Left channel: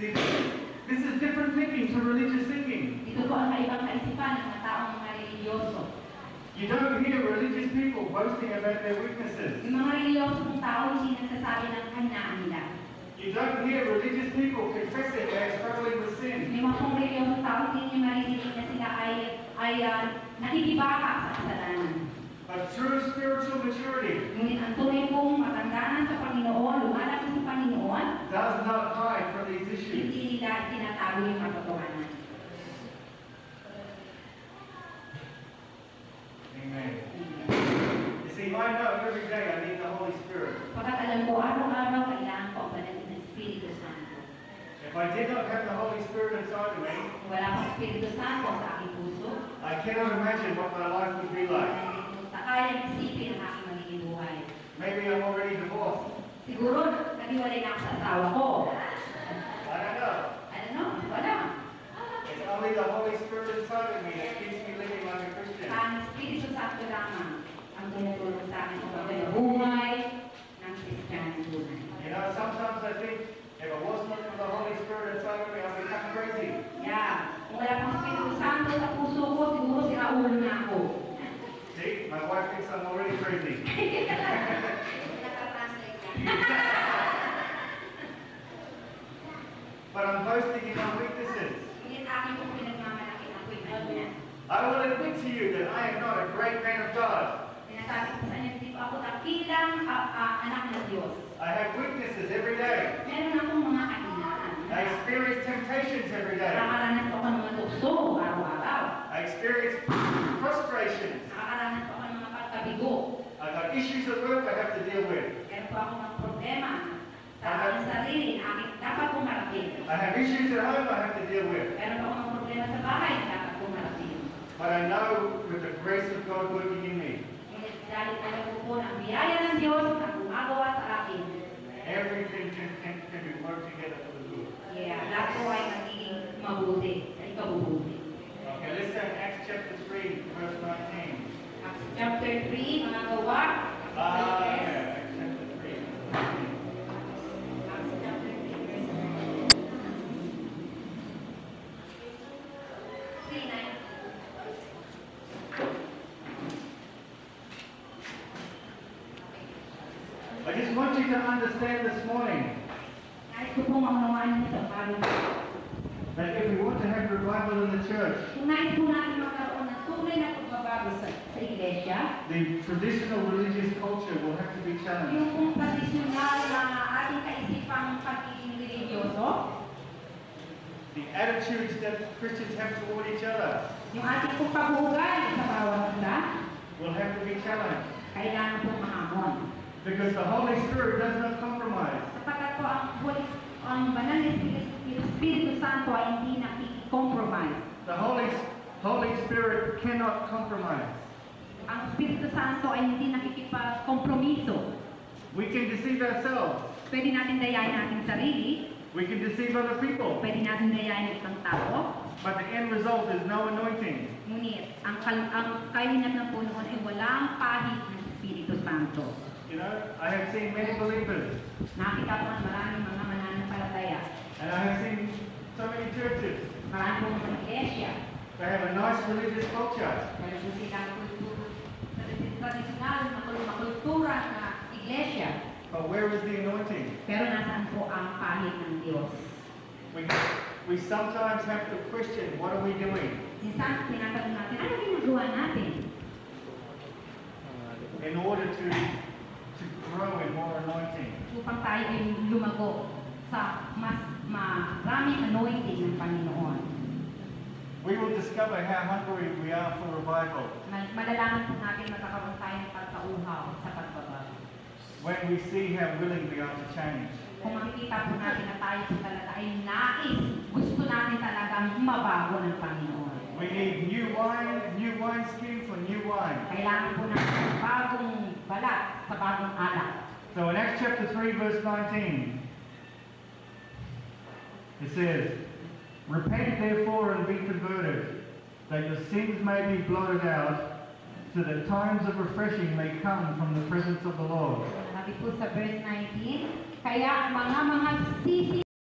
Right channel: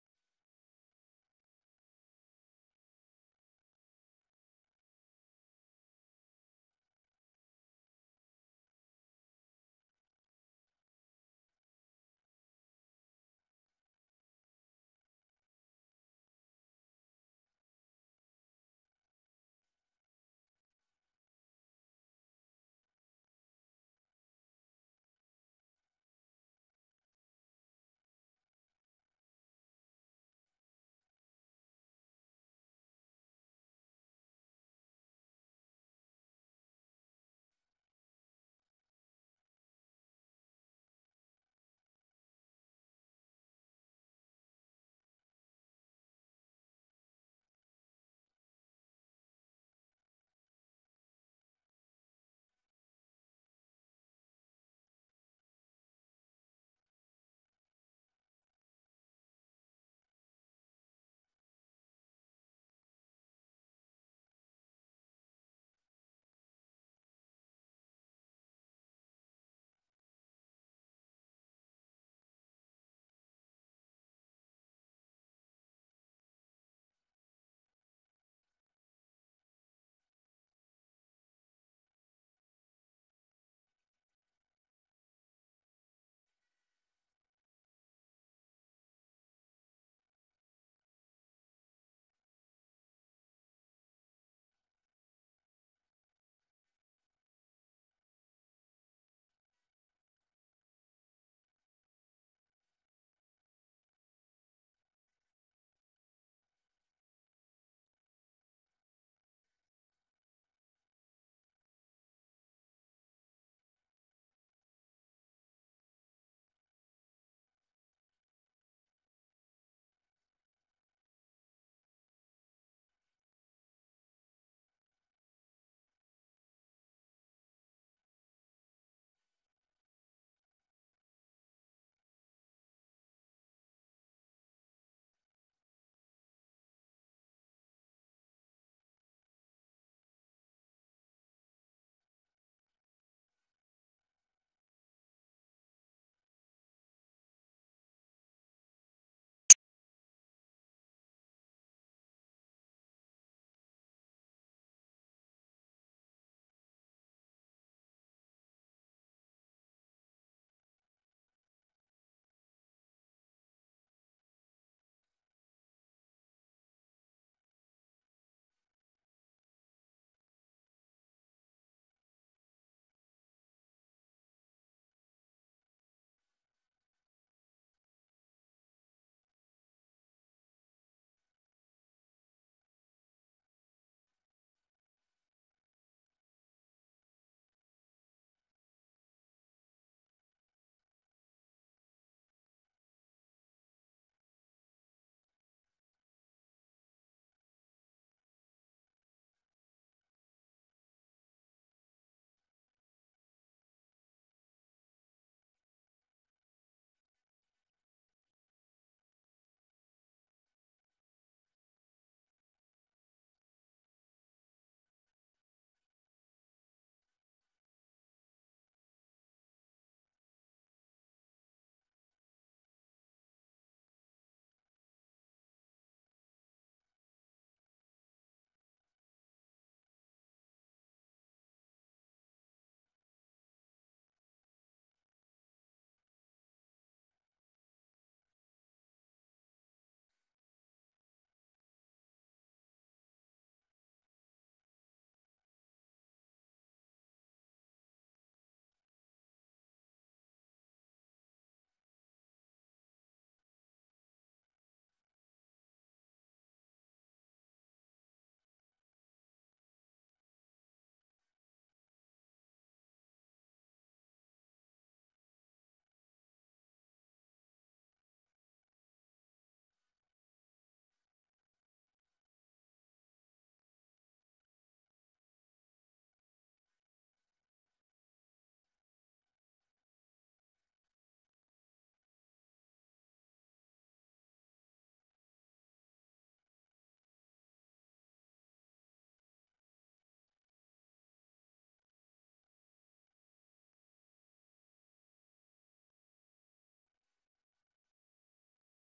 See, this is different thinking to religious thinking. Ito po ang kaibang kaisipan ng mga taong mga religyoso. You don't hear religious people boasting about their weaknesses. Yung mga religyoso kong tao hindi nagsasabi ng kahinaan nila. You don't hear religious people confessing they're struggling with sin. Yung mga religyoso tao hindi niyo maririnig na sila ay nakikibaka sa kasalanan. But true spiritual maturity Ngunit ang tunay pong matandaan sa Panginoon, lumalaki sa Panginoon, does not hide from these issues. hindi nila tinatago yung katotohanan. Amen. You see, I know every day I need the Holy Spirit. Pagkat alam ko, araw-araw kailangan ko ang banal ng Espiritu Santo. If I did not have the Holy Spirit inside of me, Kung wala akong Espiritu Santo sa aking puso, I cannot imagine what my life would be like. kayang isipin ang aking magiging buhay. Maybe I'm already divorced. Siguro, naghiwalay na ako sa asawa ko. I don't know. Ano? Wala. It's only the Holy Spirit inside of me that keeps me living like a Christian. Ang Espiritu Santo lamang ang tinutulong sa akin kung bakit buhay ng Kristiyano tunay. You know, sometimes I think if it was not for the Holy Spirit inside of me, I'd become crazy. Yeah. Kung wala pang Espiritu Santo sa puso ko, siguro siraulo na ako. See, my wife thinks I'm already crazy. But I'm boasting in my weaknesses. Ngunit aking kong pinagmamalaki ang ako'y I will admit to you that I am not a great man of God. Sinasabi ko sa inyo, hindi po ako takilang anak ng Diyos. I have weaknesses every day. Meron akong mga kahinaan. I experience temptations every day. Nakakaranas ko ng mga tukso araw-araw. I experience frustrations. Nakakaranas ko ng mga pagkabigo. I've got issues at work I have to deal with. Meron po ako ng problema sa aking sarili na aking dapat kong harapin. I have issues at home I have to deal with. Meron po akong problema sa bahay na dapat kong harapin. But I know with the grace of God working in me, Ngunit dahil alam ko po na ang biyaya ng Diyos ang gumagawa sa akin, everything can be worked together for the good. lahat po ay magiging mabuti, ay kabubuti. Okay, let's turn Acts chapter 3, verse 19. Acts chapter 3, mga gawa. Yeah, Acts chapter 3. Acts chapter 3, verse 3:9. I just want you to understand this morning Nais ko pong maunawaan niyo sa umaga. that if we want to have revival in the church, Kung nais po natin magkaroon ng tunay na pagbabago sa iglesia, the traditional religious culture will have to be challenged. yung pong tradisyonal na ating kaisipang pagiging religyoso, The attitudes that Christians have toward each other yung ating pong pag-uugali sa bawat isa, will have to be challenged. kailangan pong mahamon. Because the Holy Spirit does not compromise. Sapagkat po ang banal na Espiritu Santo ay hindi nakikicompromise. The Holy Spirit cannot compromise. Ang Espiritu Santo ay hindi nakikipagkompromiso. We can deceive ourselves. Pwede natin dayain ating sarili, We can deceive other people. pwede natin dayain ang isang tao, But the end result is no anointing. ngunit ang kalingat ng Panginoon ay walang pahid ng Espiritu Santo. You know, I have seen many believers, Nakita ko ang maraming mga mananampalataya. and I have seen so many churches. Marami pong mga iglesia. They have a nice religious culture, Meron po silang tradisyonal na kultura na iglesia. but where is the anointing? Pero nasaan po ang pahid ng Diyos? We sometimes have to question, what are we doing? Minsan, tinatanong natin, ano ginagawa natin? In order to grow in more anointing. Upang tayo ay lumago sa mas maraming anointing ng Panginoon. We will discover how hungry we are for revival Malalaman po natin magkakaroon tayo ng pagkauhaw sa pagbabago. when we see how willing we are to change. Kung makikita po natin na tayo po talaga ay nais, gusto natin talagang mabago ng Panginoon. We need new wine skin for new wine. Kailangan po natin bagong balat sa bagong alak. So in Acts chapter 3 verse 19, it says, "Repent therefore and be converted, that your sins may be blotted out, so that times of refreshing may come from the presence of the Lord." Sabi po sa verse 19, kaya mga sisi